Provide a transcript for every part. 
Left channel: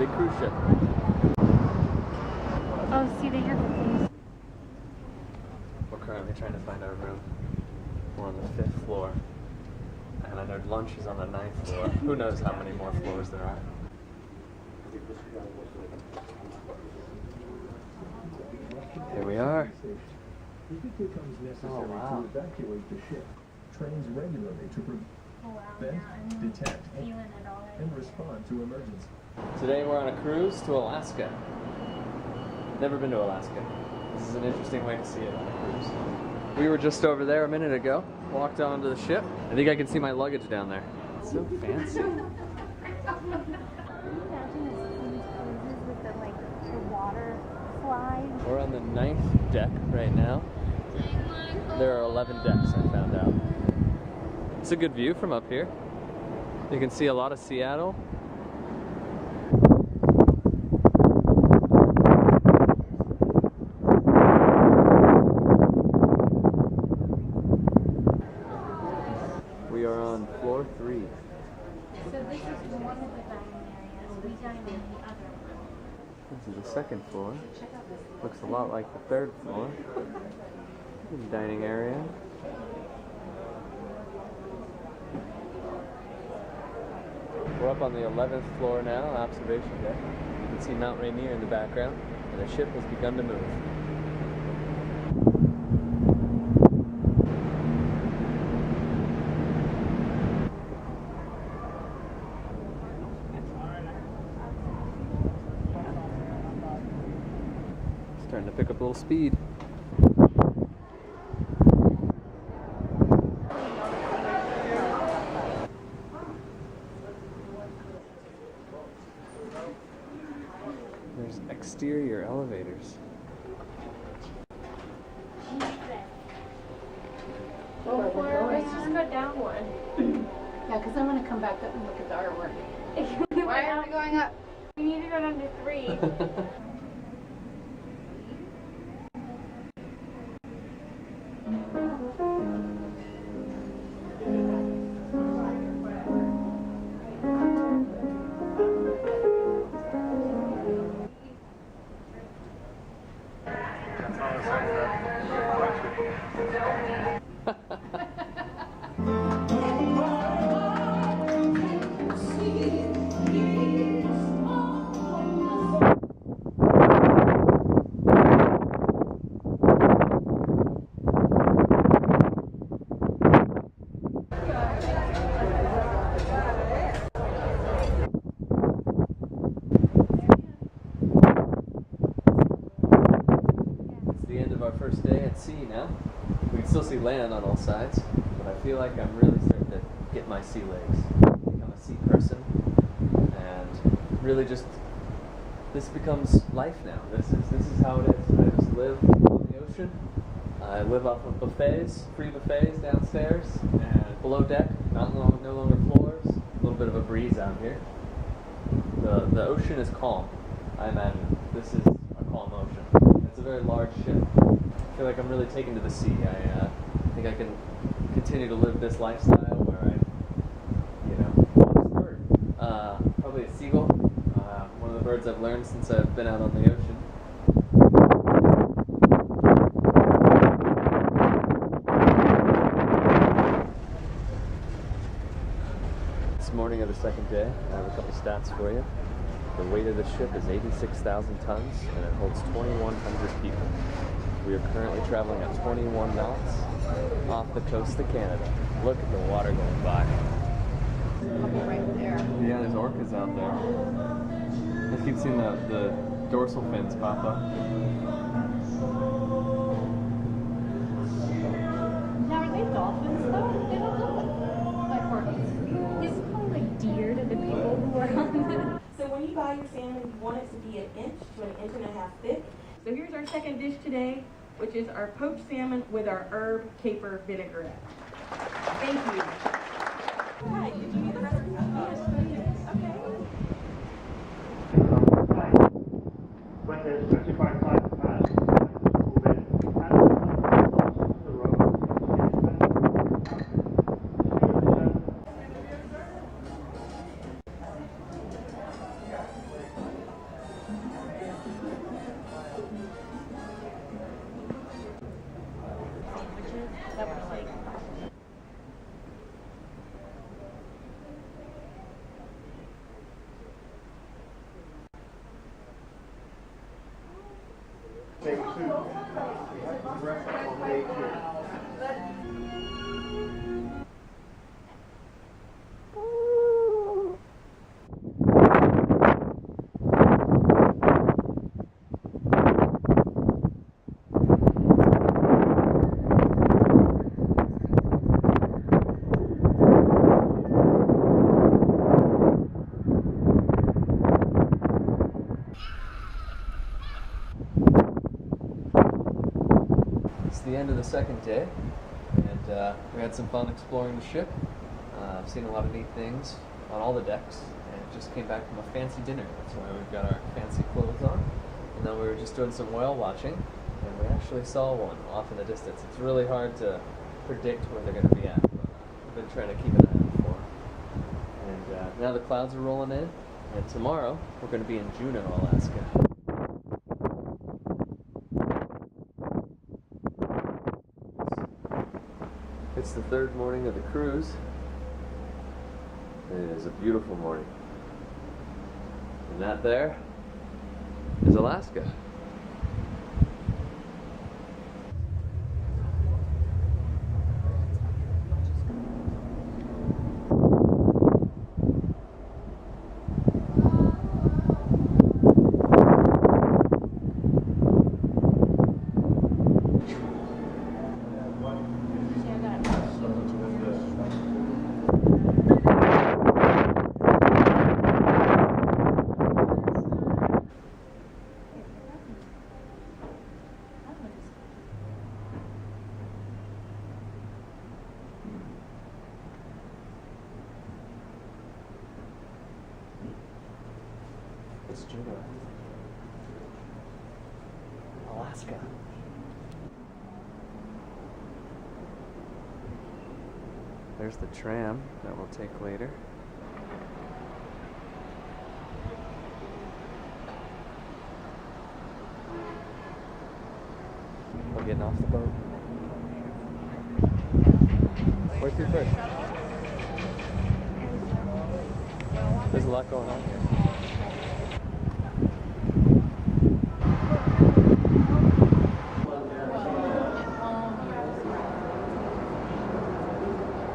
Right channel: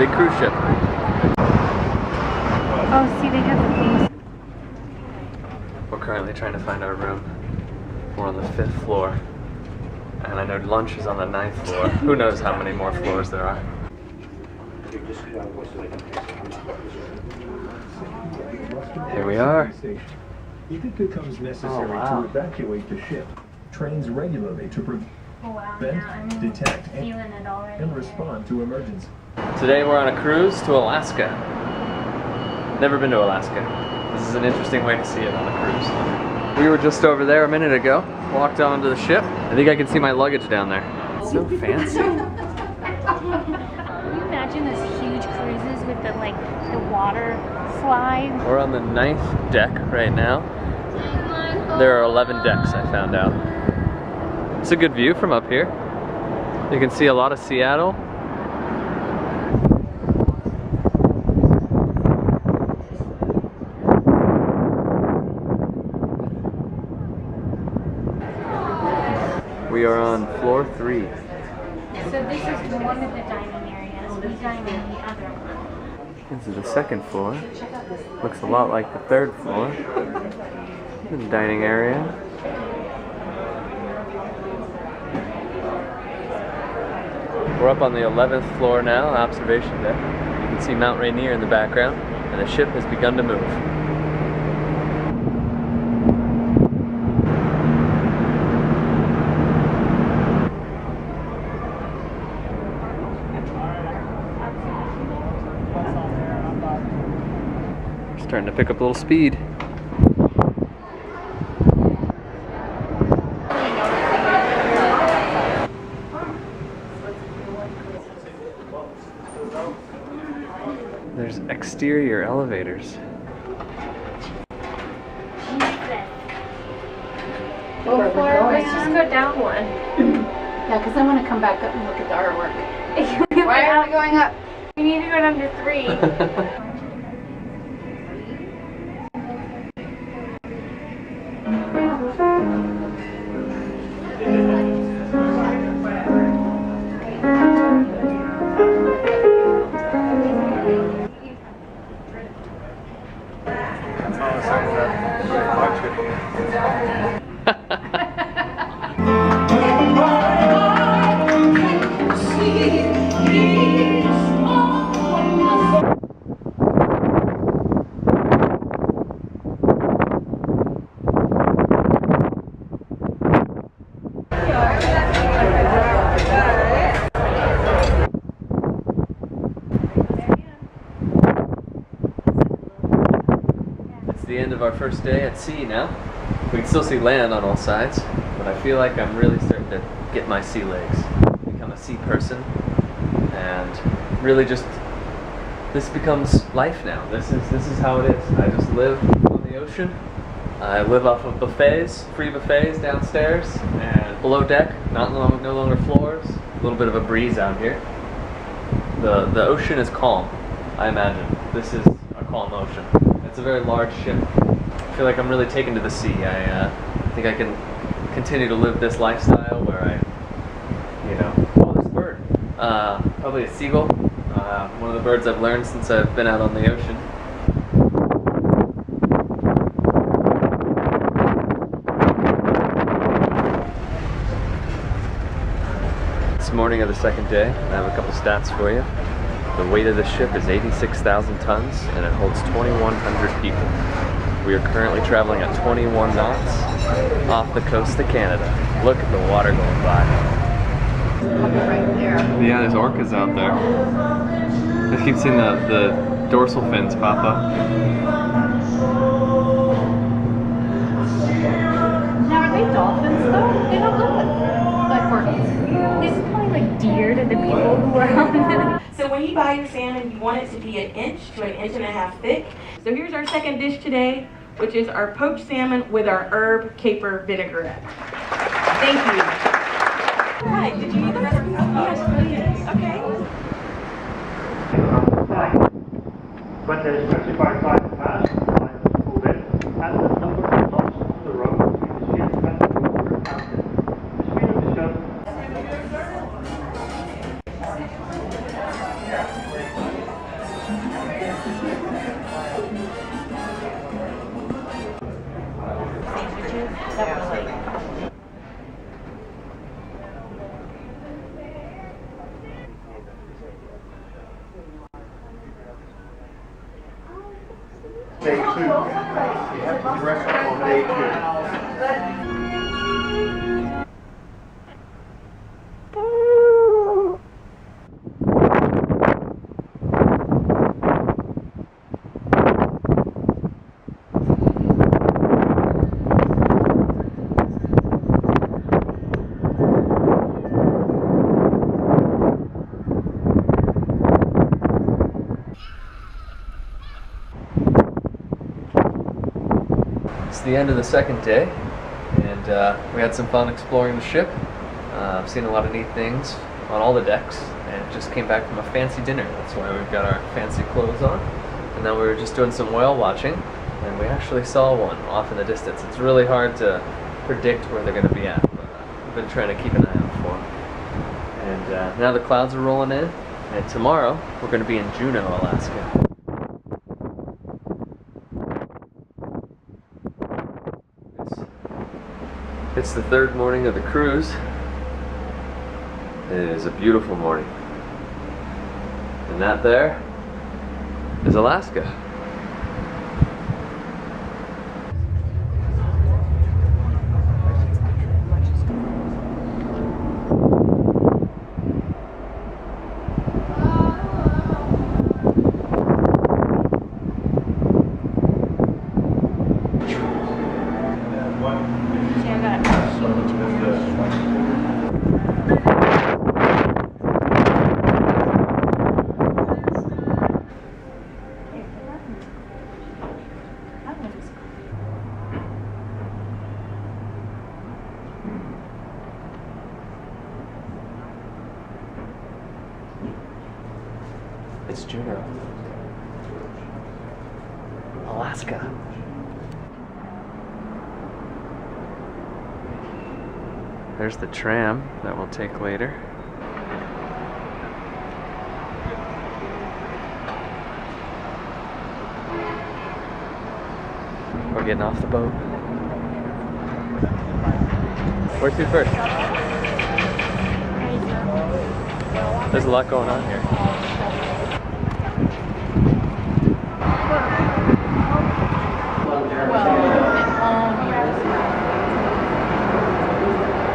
big cruise ship. Oh, see, they have the things. We're currently trying to find our room. We're on the 5th floor. And I know lunch is on the 9th floor. Who knows how many more floors there are. Here we are. If it becomes necessary to evacuate the ship, trains regularly to prevent, detect, and respond to emergencies. Today we're on a cruise to Alaska. Never been to Alaska. This is an interesting way to see it on a cruise. We were just over there a minute ago. Walked onto the ship. I think I can see my luggage down there. It's so fancy. Can you imagine those huge cruises with the the water slide? We're on the 9th deck right now. There are 11 decks, I found out. It's a good view from up here. You can see a lot of Seattle. We are on floor 3. So this is one of the dining areas. We dine in the other one. This is the 2nd floor. Looks a lot like the 3rd floor. The dining area. We're up on the 11th floor now, observation deck. You can see Mount Rainier in the background, and the ship has begun to move. Starting to pick up a little speed. There's exterior elevators. Let's just go down one. Yeah, because I want to come back up and look at the artwork. Why are we going up? We need to go down to 3. The end of our first day at sea now. We can still see land on all sides, but I feel like I'm really starting to get my sea legs, become a sea person, and really just, this becomes life now. This is how it is. I just live on the ocean. I live off of buffets, free buffets downstairs, and below deck, no longer floors. A little bit of a breeze out here. The ocean is calm, I imagine. This is a calm ocean. It's a very large ship. I feel like I'm really taken to the sea. I think I can continue to live this lifestyle where I, oh, this bird. Probably a seagull. One of the birds I've learned since I've been out on the ocean. It's morning of the 2nd day. I have a couple stats for you. The weight of the ship is 86,000 tons, and it holds 2,100 people. We are currently traveling at 21 knots off the coast of Canada. Look at the water going by. Right there. Yeah, there's orcas out there. I keep seeing the dorsal fins pop up. Now, are they dolphins, though? They don't look like orcas. It's probably like deer to the people who are on it. So when you buy your salmon, you want it to be 1 inch to 1.5 inches thick. So here's our second dish today, which is our poached salmon with our herb caper vinaigrette. Thank you. Hi, did you need the recipe? Yes, please. Okay. When there is specified time passed, the line is pulled in, and the number of knots on the road between the ship and the crew are counted. The speed of the ship definitely. Day 2. You have to dress up on day 2. It's the end of the second day, and we had some fun exploring the ship. I've seen a lot of neat things on all the decks, and just came back from a fancy dinner. That's why we've got our fancy clothes on. And then we were just doing some whale watching, and we actually saw one off in the distance. It's really hard to predict where they're going to be at, but we've been trying to keep an eye out for them. And now the clouds are rolling in, and tomorrow we're going to be in Juneau, Alaska. It's the third morning of the cruise. It is a beautiful morning. And that there is Alaska. It's Juneau, Alaska. There's the tram that we'll take later. We're getting off the boat. Where to first? There's a lot going on here.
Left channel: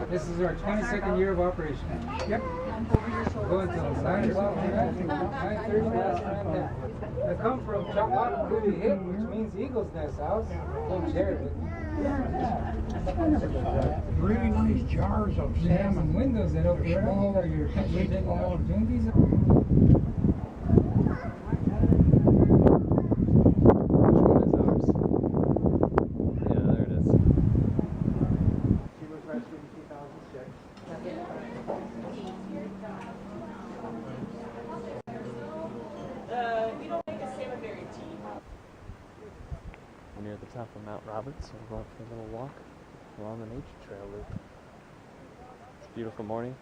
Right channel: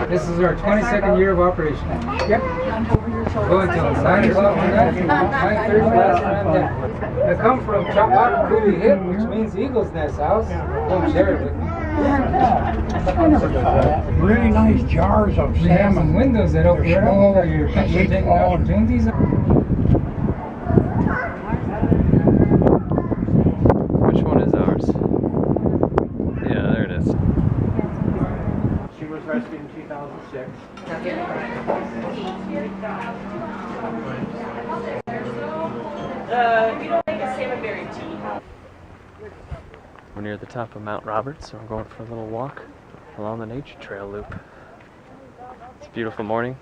This is our 22nd year of operation. Yep. Go until 9 o'clock tonight, 9:30 last time down. I come from Chapakuli Hip, which means Eagle's Nest House. Come share it with me. Really nice jars of We have some salmon. windows that open right up for your picture taking opportunities. Which one is ours? Yeah, there it is. She was rescued in 2006. You don't make a salmon berry tea. We're near the top of Mount Roberts, so we're going for a little walk along the nature trail loop. It's a beautiful morning.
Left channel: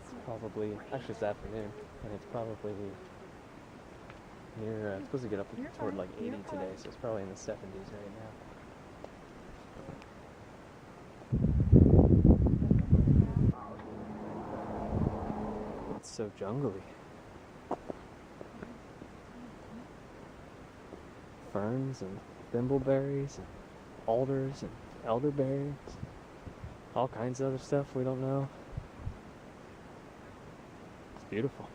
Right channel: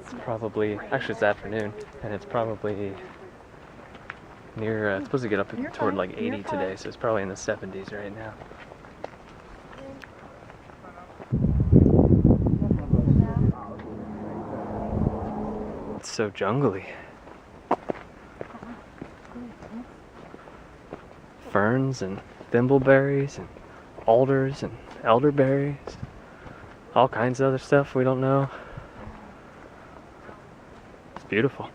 It's probably, actually it's afternoon, and it's probably near, it's supposed to get up toward like 80 today, so it's probably in the 70s right now. It's so jungly. Ferns and thimbleberries and alders and elderberries, all kinds of other stuff we don't know. It's beautiful.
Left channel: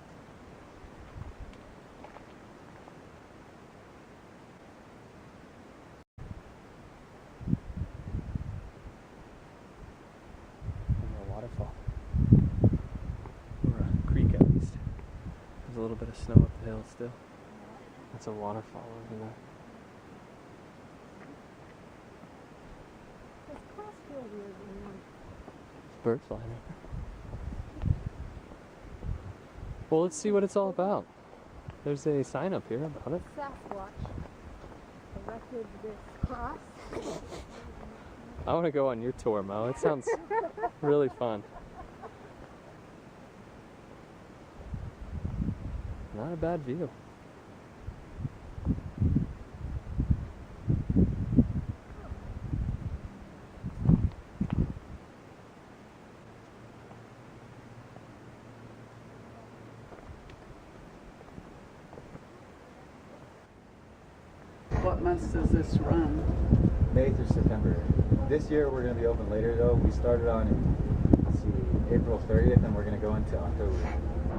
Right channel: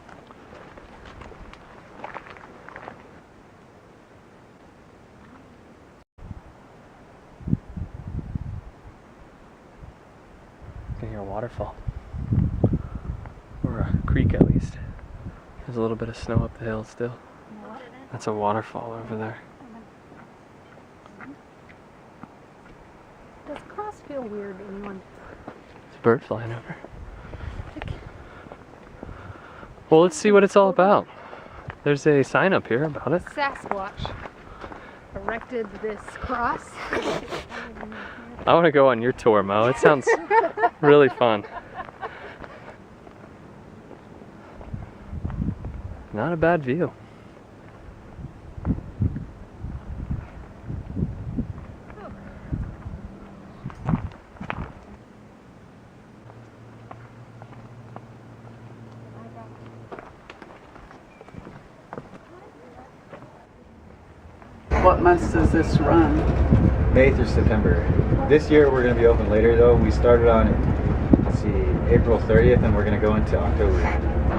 You can hear a waterfall, or a creek at least. There's a little bit of snow up the hill still. That's a waterfall over there. Does cross feel weird to anyone? There's a bird flying over. Well, let's see what it's all about. There's a sign up here about it. Sasquatch erected this cross. I want to go on your tour, Mo. It sounds really fun. Not a bad view. What months does this run? May through September. This year we're going to be open later though. We started on, let's see, April 30th and we're going to go into October.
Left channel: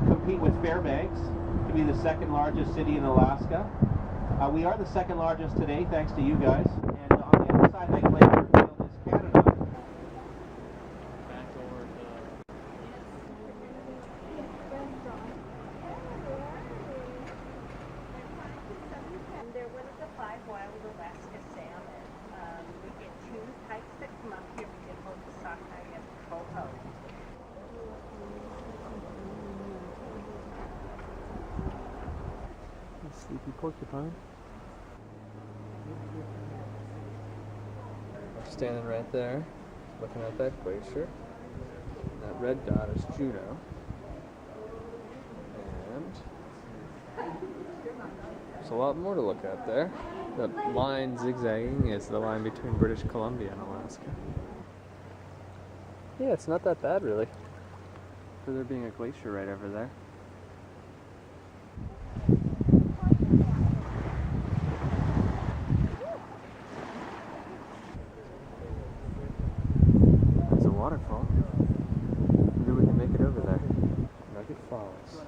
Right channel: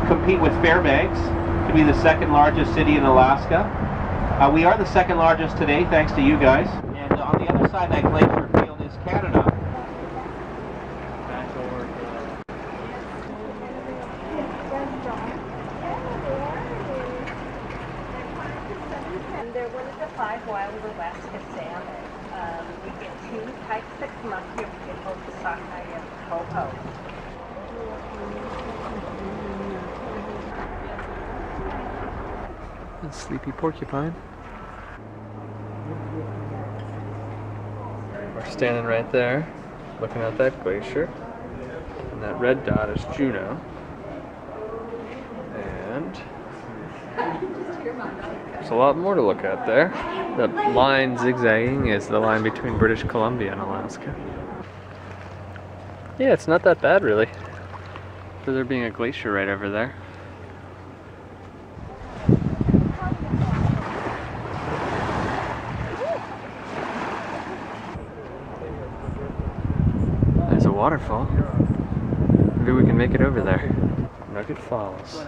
Compete with Fairbanks to be the second largest city in Alaska. We are the second largest today thanks to you guys. And on the other side of that glacier field is Canada. And they're one of the 5 wild Alaska salmon. We get 2 types that come up here. We get both the sockeye and the coho. And sleepy porcupine. We're standing right there, looking at that glacier. And that red dot is Juneau. And there's a lot more to look at there. That line zigzagging is the line between British Columbia and Alaska. Yeah, it's not that bad really, for there being a glacier right over there. There's a waterfall. Maybe we can make it over there. Nugget Falls.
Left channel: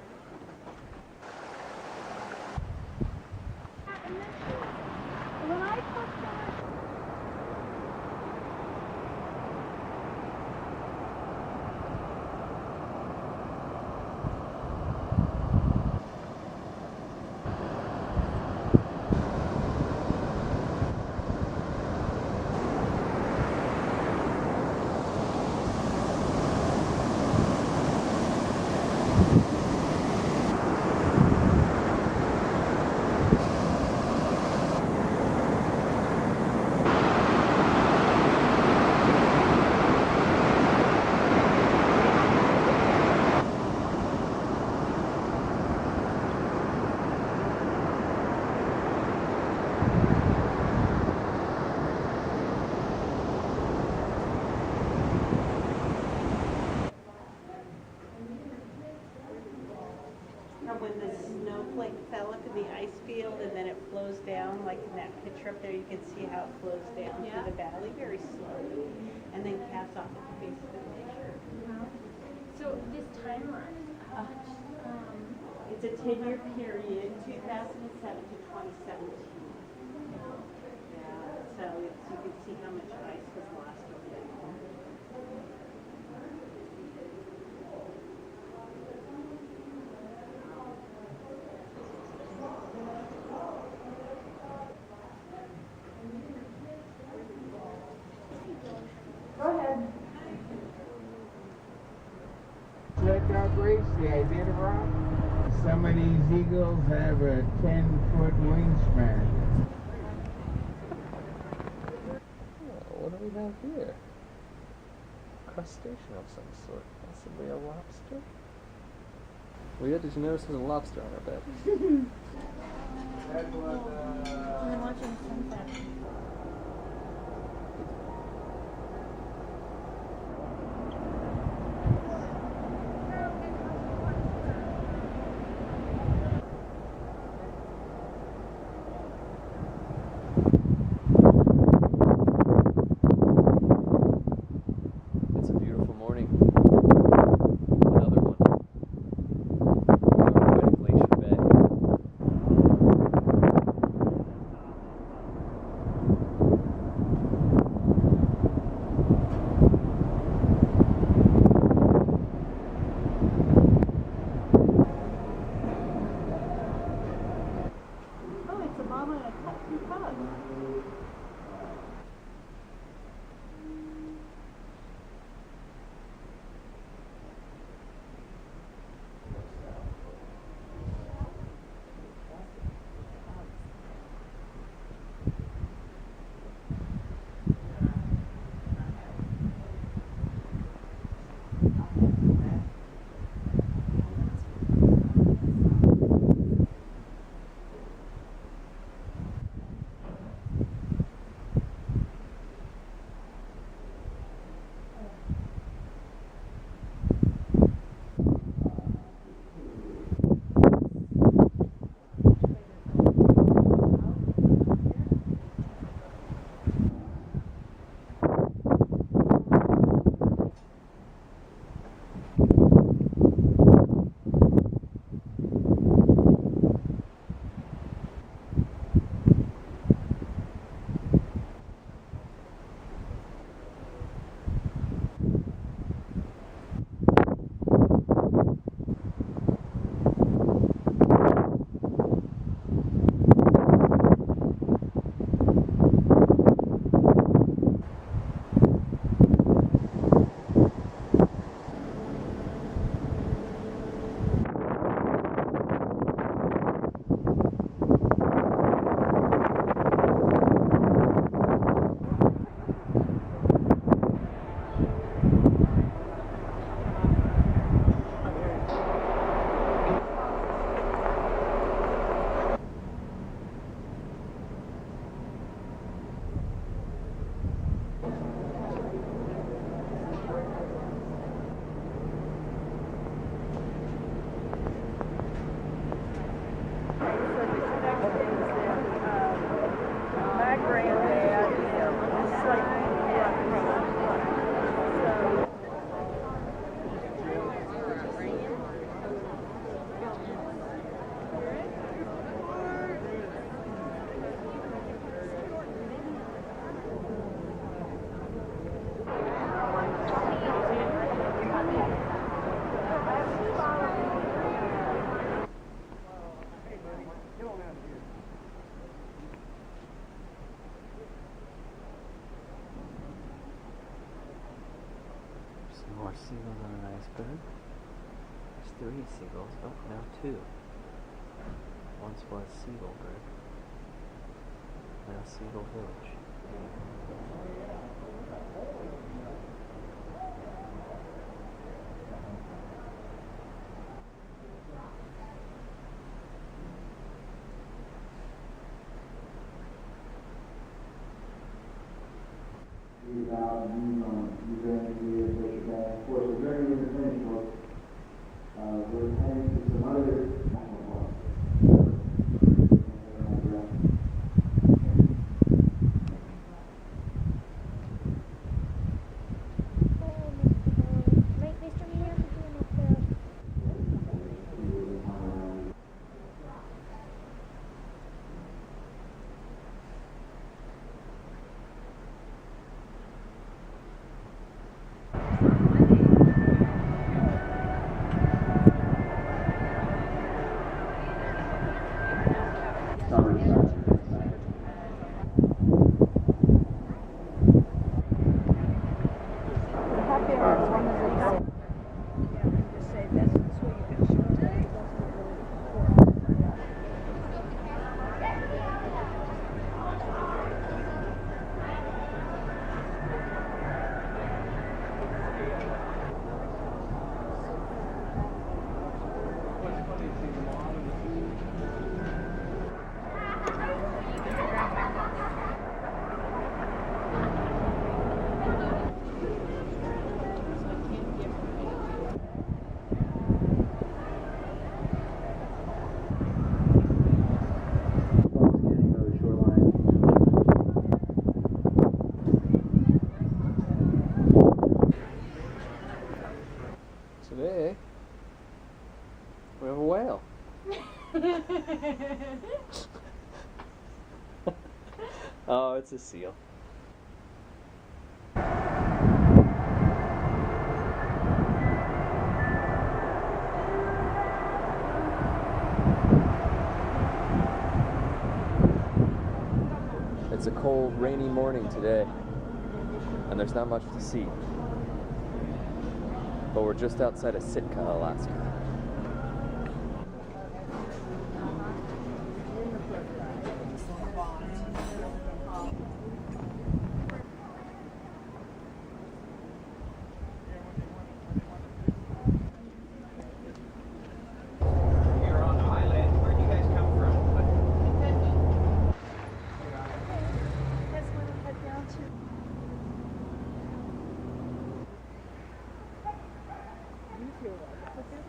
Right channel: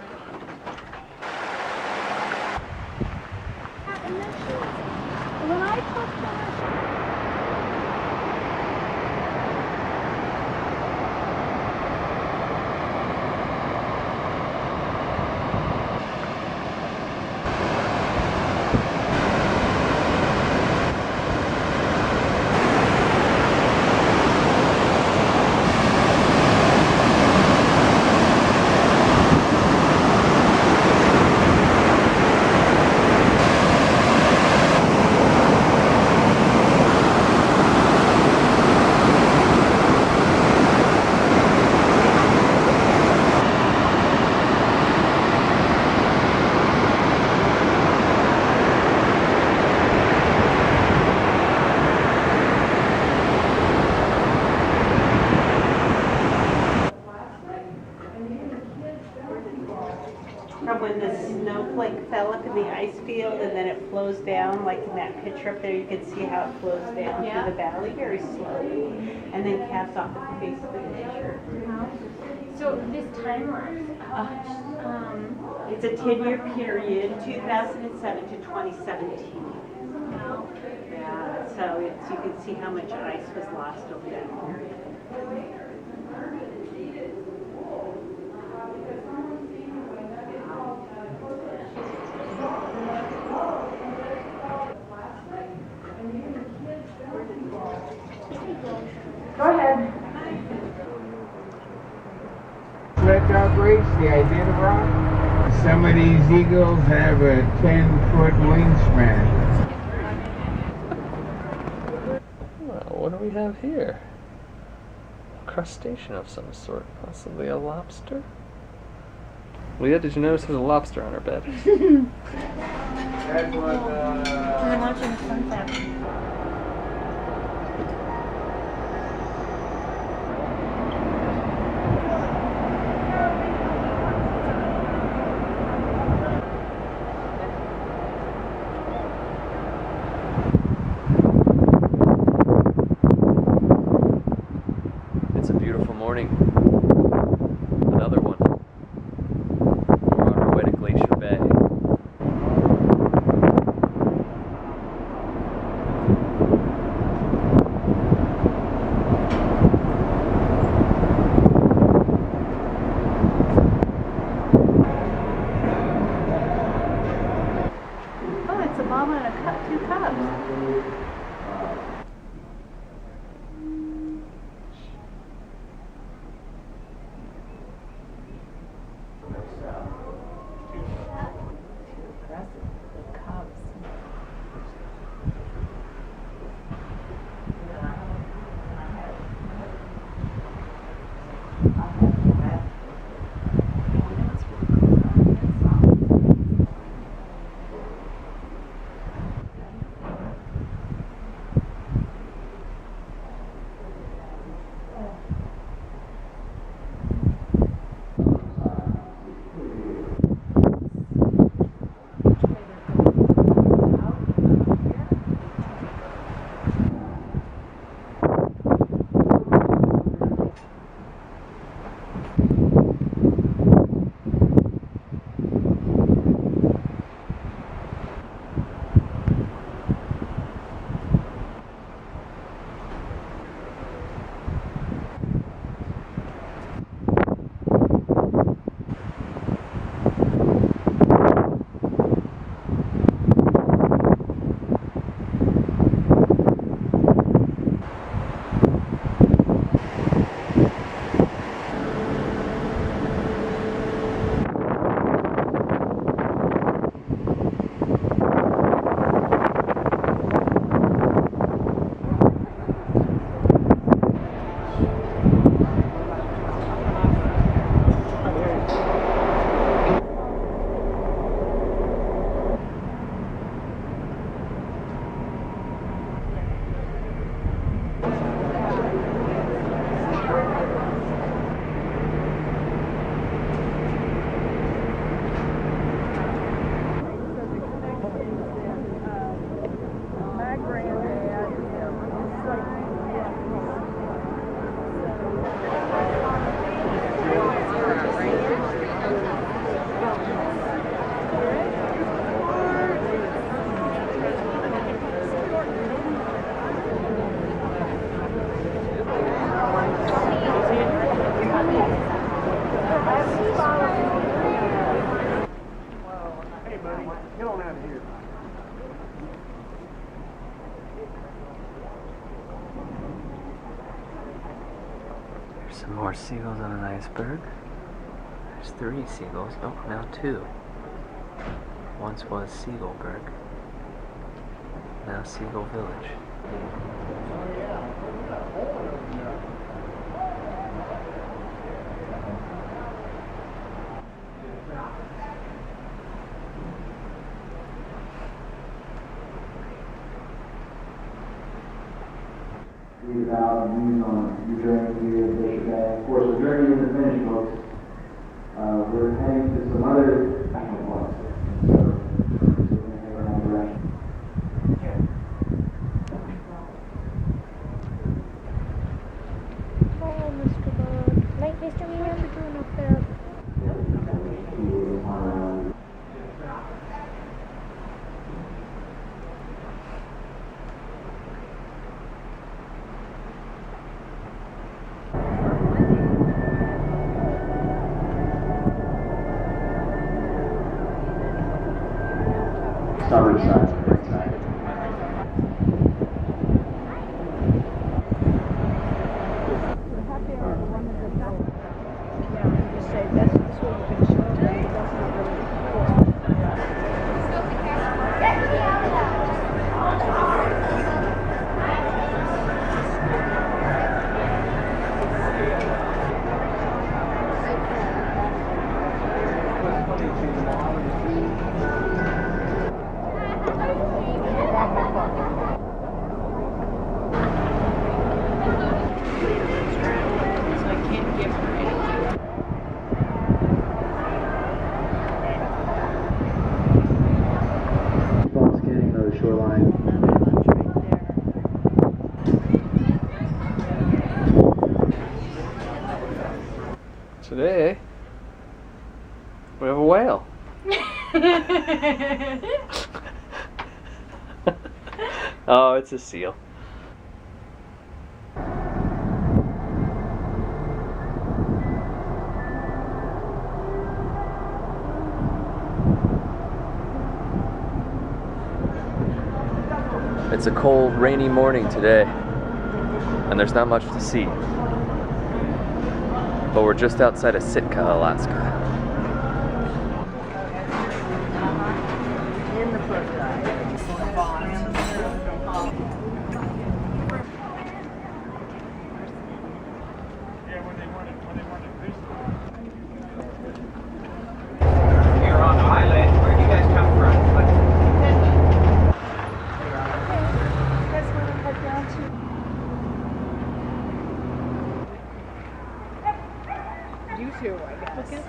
From when the snowflake fell up in the ice field and then it flows down, like in that picture up there, you can see how it flows down through the valley very slowly and then caps off at the base of the glacier. So this time lapse, it's a 10-year period, 2007 to 2017. Yeah, so you can see how much ice was lost over that period. go ahead. Sled-dog race, the idea of rock. Some of these eagles have a 10-foot wingspan. Well, what do we have here? A crustacean of some sort, possibly a lobster? Leia, did you notice there's a lobster on our bed? That was, I'm watching the sunset. It's a beautiful morning. Another one. We're on our way to Glacier Bay. Oh, it's a mama and a cup, 2 cubs. Some more seagulls on an iceberg. There's 3 seagulls. Oh, now 2. Once was Seagullberg. Now Seagull Village. Read about and use on your journey here at Glacier Bay. Of course, the journey isn't finished, folks. We're heading to some other national parks. So, we're going to head in that direction. Oh, Mr. Bug. Like, Mr. Remember doing a flip. Starboard side, right side. Yeah, and just say that's what you can show them, but that's not really cool. Keep on scanning the shoreline. Today, we have a whale. Oh, it's a seal. It's a cold, rainy morning today, and there's not much to see. But we're just outside of Sitka, Alaska. You're on the island. Where do you guys come from? That's what I head down to. You too, I guess.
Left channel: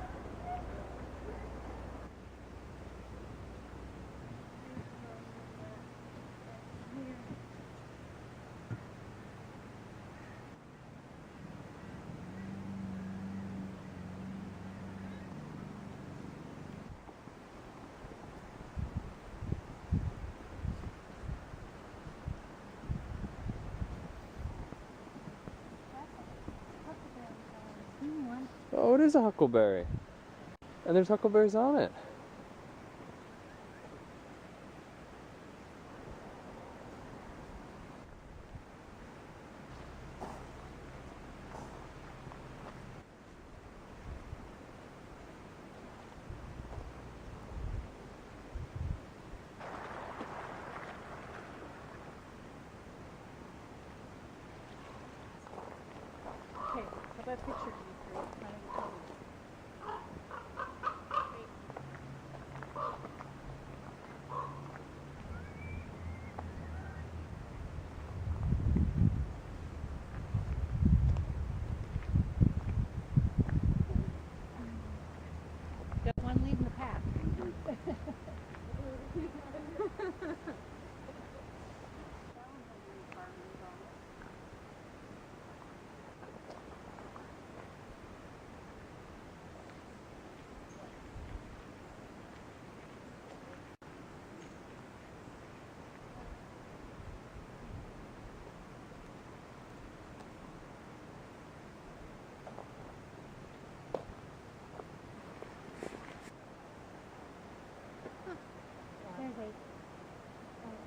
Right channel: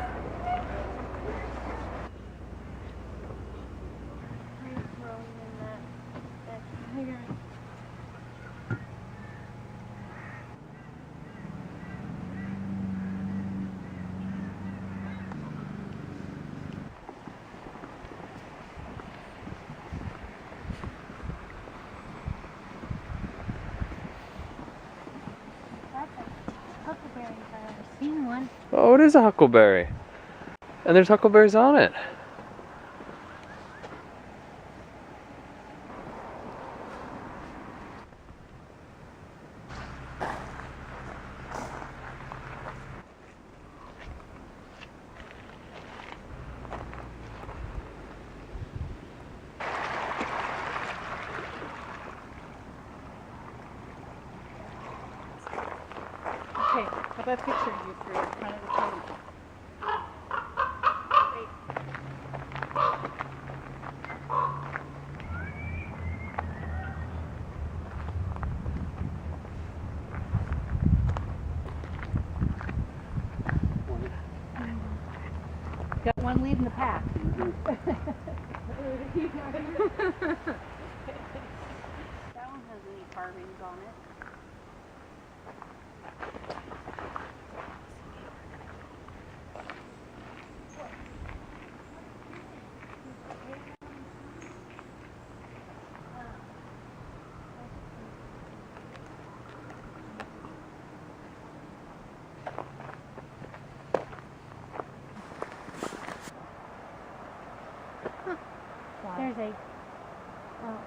Huckleberry if I've ever seen one. Oh, it is a huckleberry. And there's huckleberries on it. Okay, how about picture you three in front of the table? Got one leading the pack. That one has any carvings on it. There's a. Oh.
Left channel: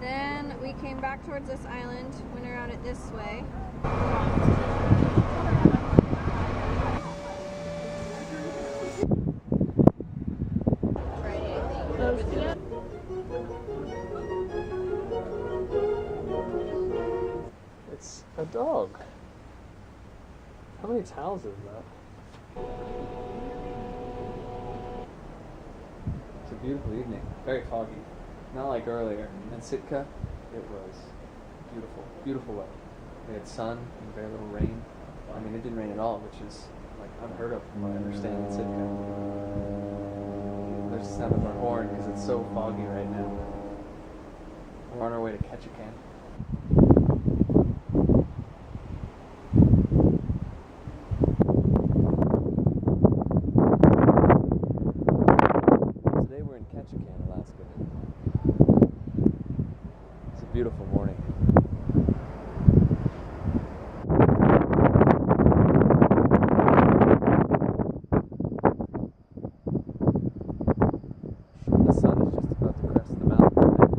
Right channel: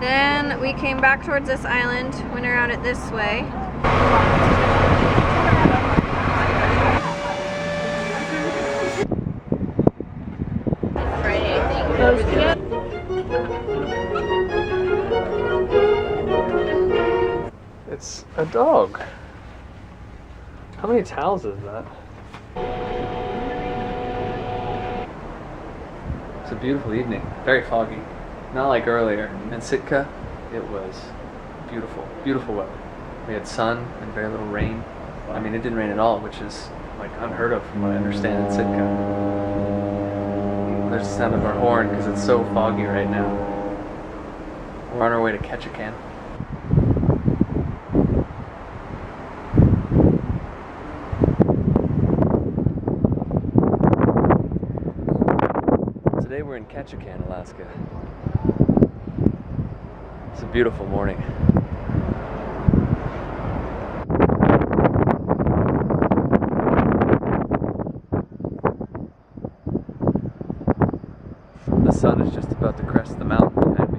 Then we came back towards this island, went around it this way. It's a dog. How many towels is that? It's a beautiful evening, very foggy. Not like earlier. In Sitka, it was beautiful, beautiful weather. We had sun and very little rain. I mean, it didn't rain at all, which is like unheard of from what I understand in Sitka. There's the sound of our horn because it's so foggy right now. We're on our way to Ketchikan. Today we're in Ketchikan, Alaska. It's a beautiful morning. The sun is just about to crest the mountain behind me.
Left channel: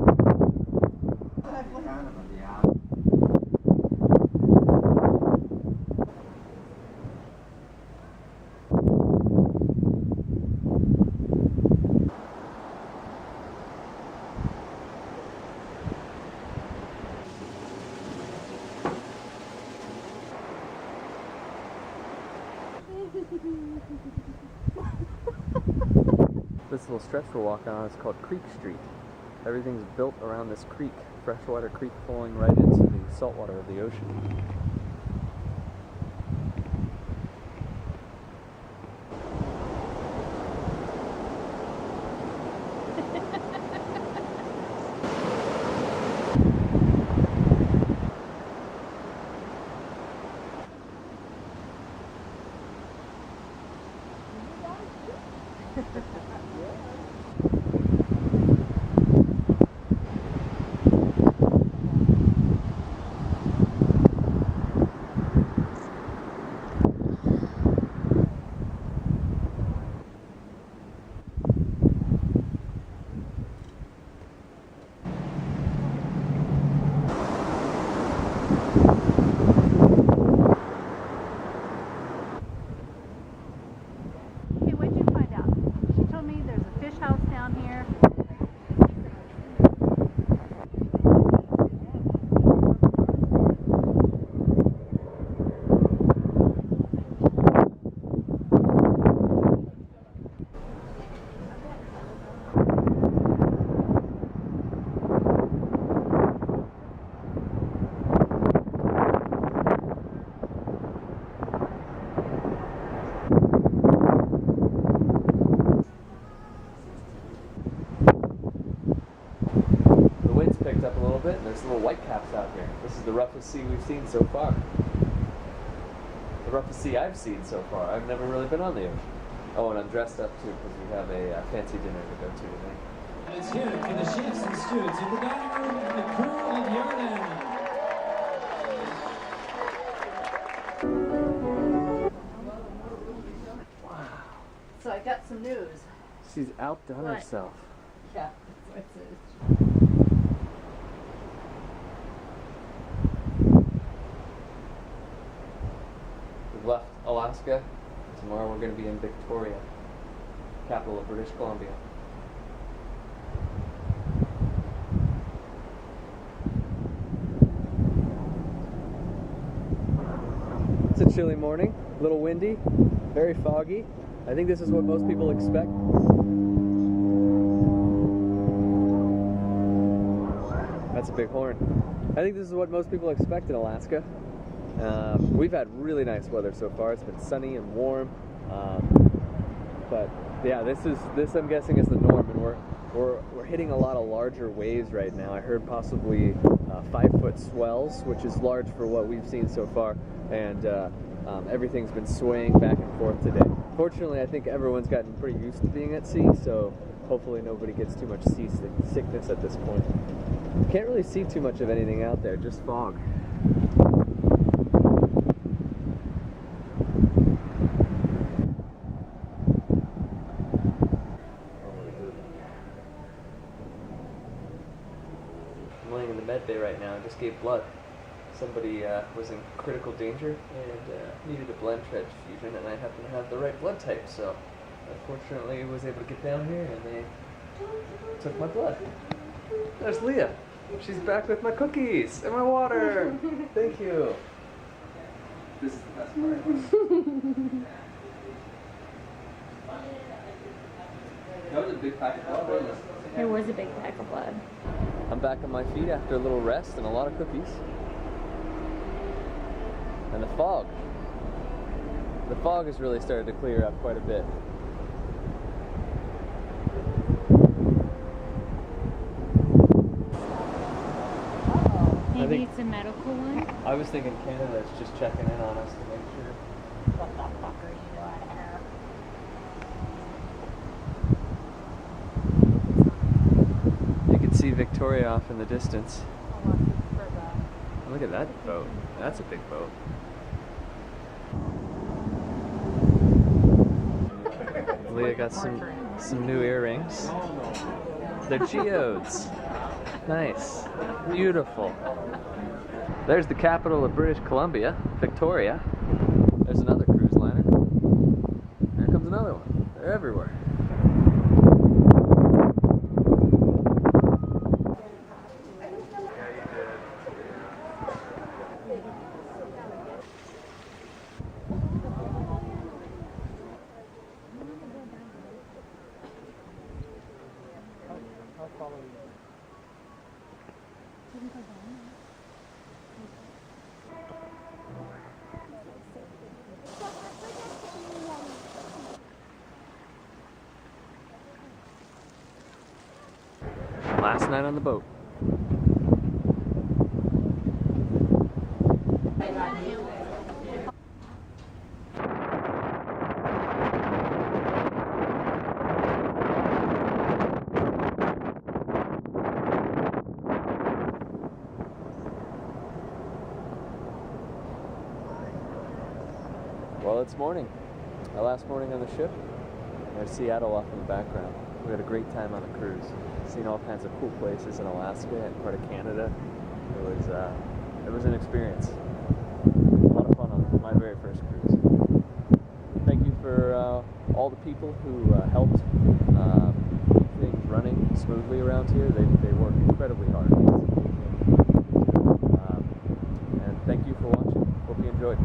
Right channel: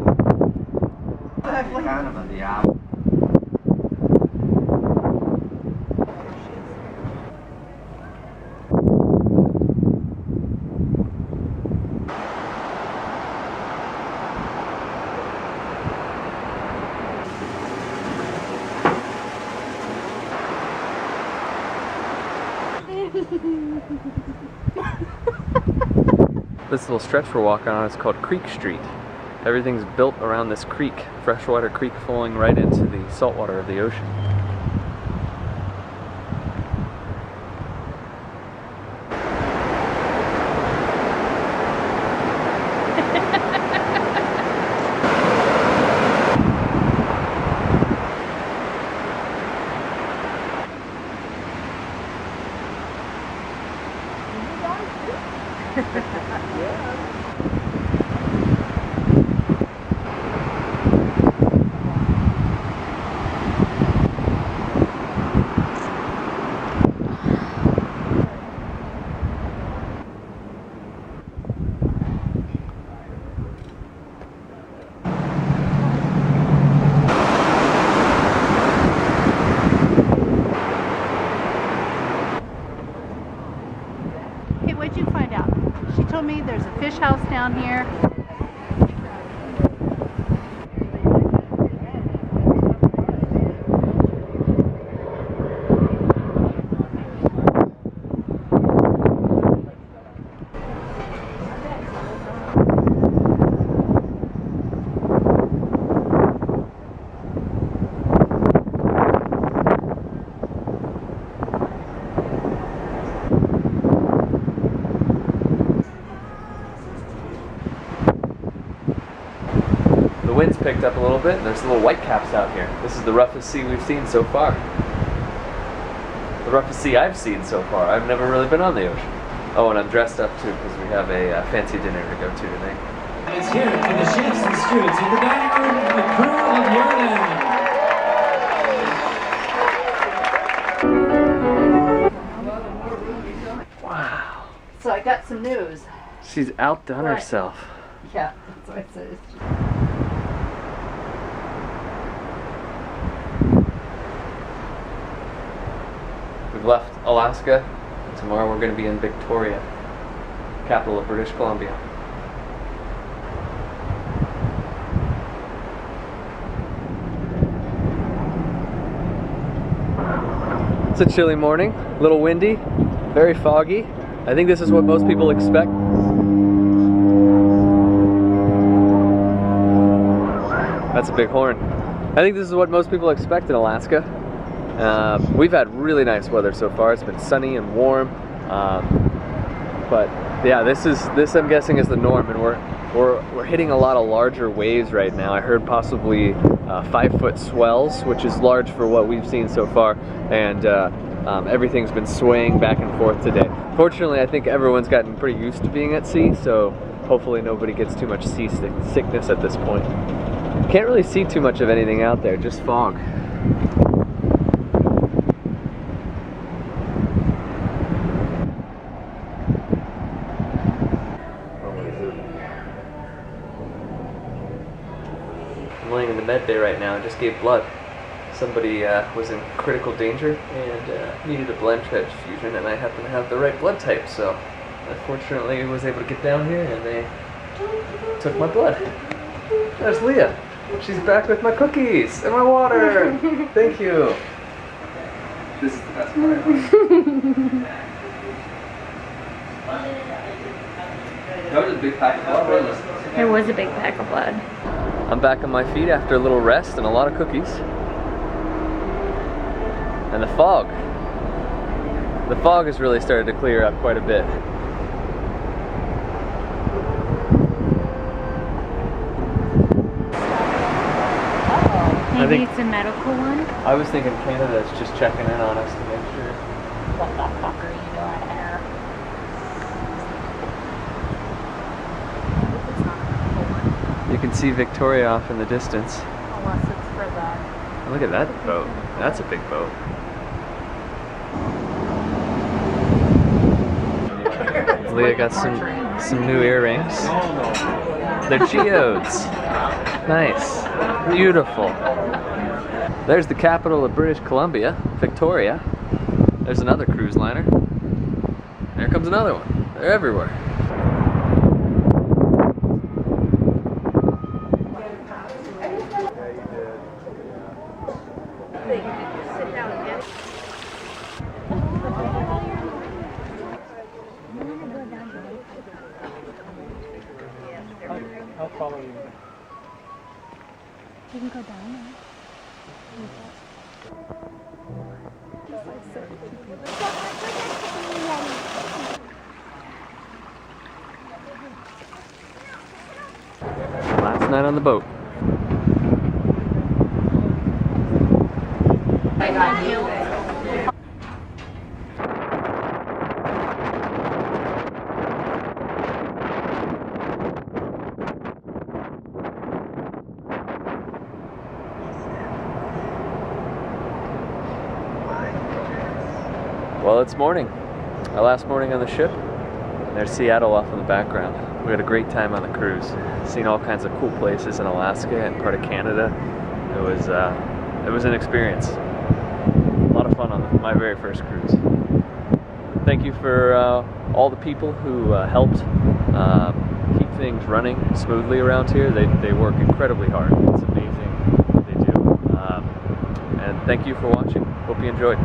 This little stretch we're walking on is called Creek Street. Everything's built around this creek, freshwater creek flowing right into the saltwater of the ocean. Hey, what'd you find out? She told me there's a fish house down here. The wind's picked up a little bit and there's little whitecaps out here. This is the roughest sea we've seen so far. The roughest sea I've seen so far. I've never really been on the ocean. Oh, and I'm dressed up too because we have a fancy dinner to go to today. And it's here for the chefs and stewards in the dining room and the crew of Juneau. Wow. So I got some news. She's outdone What? herself. Yeah, that's what it says. We've left Alaska, and tomorrow we're going to be in Victoria, capital of British Columbia. It's a chilly morning, a little windy, very foggy. I think this is what most people expect. That's a big horn. I think this is what most people expect in Alaska. We've had really nice weather so far. It's been sunny and warm, but yeah, this I'm guessing is the norm, and we're hitting a lot of larger waves right now. I heard possibly 5-foot swells, which is large for what we've seen so far, and everything's been swaying back and forth today. Fortunately, I think everyone's gotten pretty used to being at sea, so hopefully nobody gets too much sea sickness at this point. Can't really see too much of anything out there, just fog. laying in the med bay right now and just gave blood. Somebody was in critical danger and needed a blood transfusion, and I happen to have the right blood type, so I fortunately was able to get down here and they took my blood. There's Leia. She's back with my cookies and my water. Thank you. This is the best part. That was a big pack of blood, wasn't it? There was a big pack of blood. I'm back on my feet after a little rest and a lot of cookies. And the fog. The fog has really started to clear up quite a bit. Maybe it's a medical one? I was thinking Canada's just checking in on us to make sure. What the fuck are you doing here? You can see Victoria off in the distance. Unless it's for the... Look at that boat. That's a big boat. Leia got some new earrings. They're geodes. Nice. Beautiful. There's the capital of British Columbia, Victoria. There's another cruise liner. There comes another one. They're everywhere. I'll follow you. You can go down now. Last night on the boat. I got you. Well, it's morning. Our last morning on the ship. There's Seattle off in the background. We had a great time on the cruise. Seen all kinds of cool places in Alaska and part of Canada. It was an experience. A lot of fun on my very first cruise. Thank you for all the people who helped keep things running smoothly around here. They work incredibly hard. It's amazing what they do. And thank you for watching. Hope you enjoyed.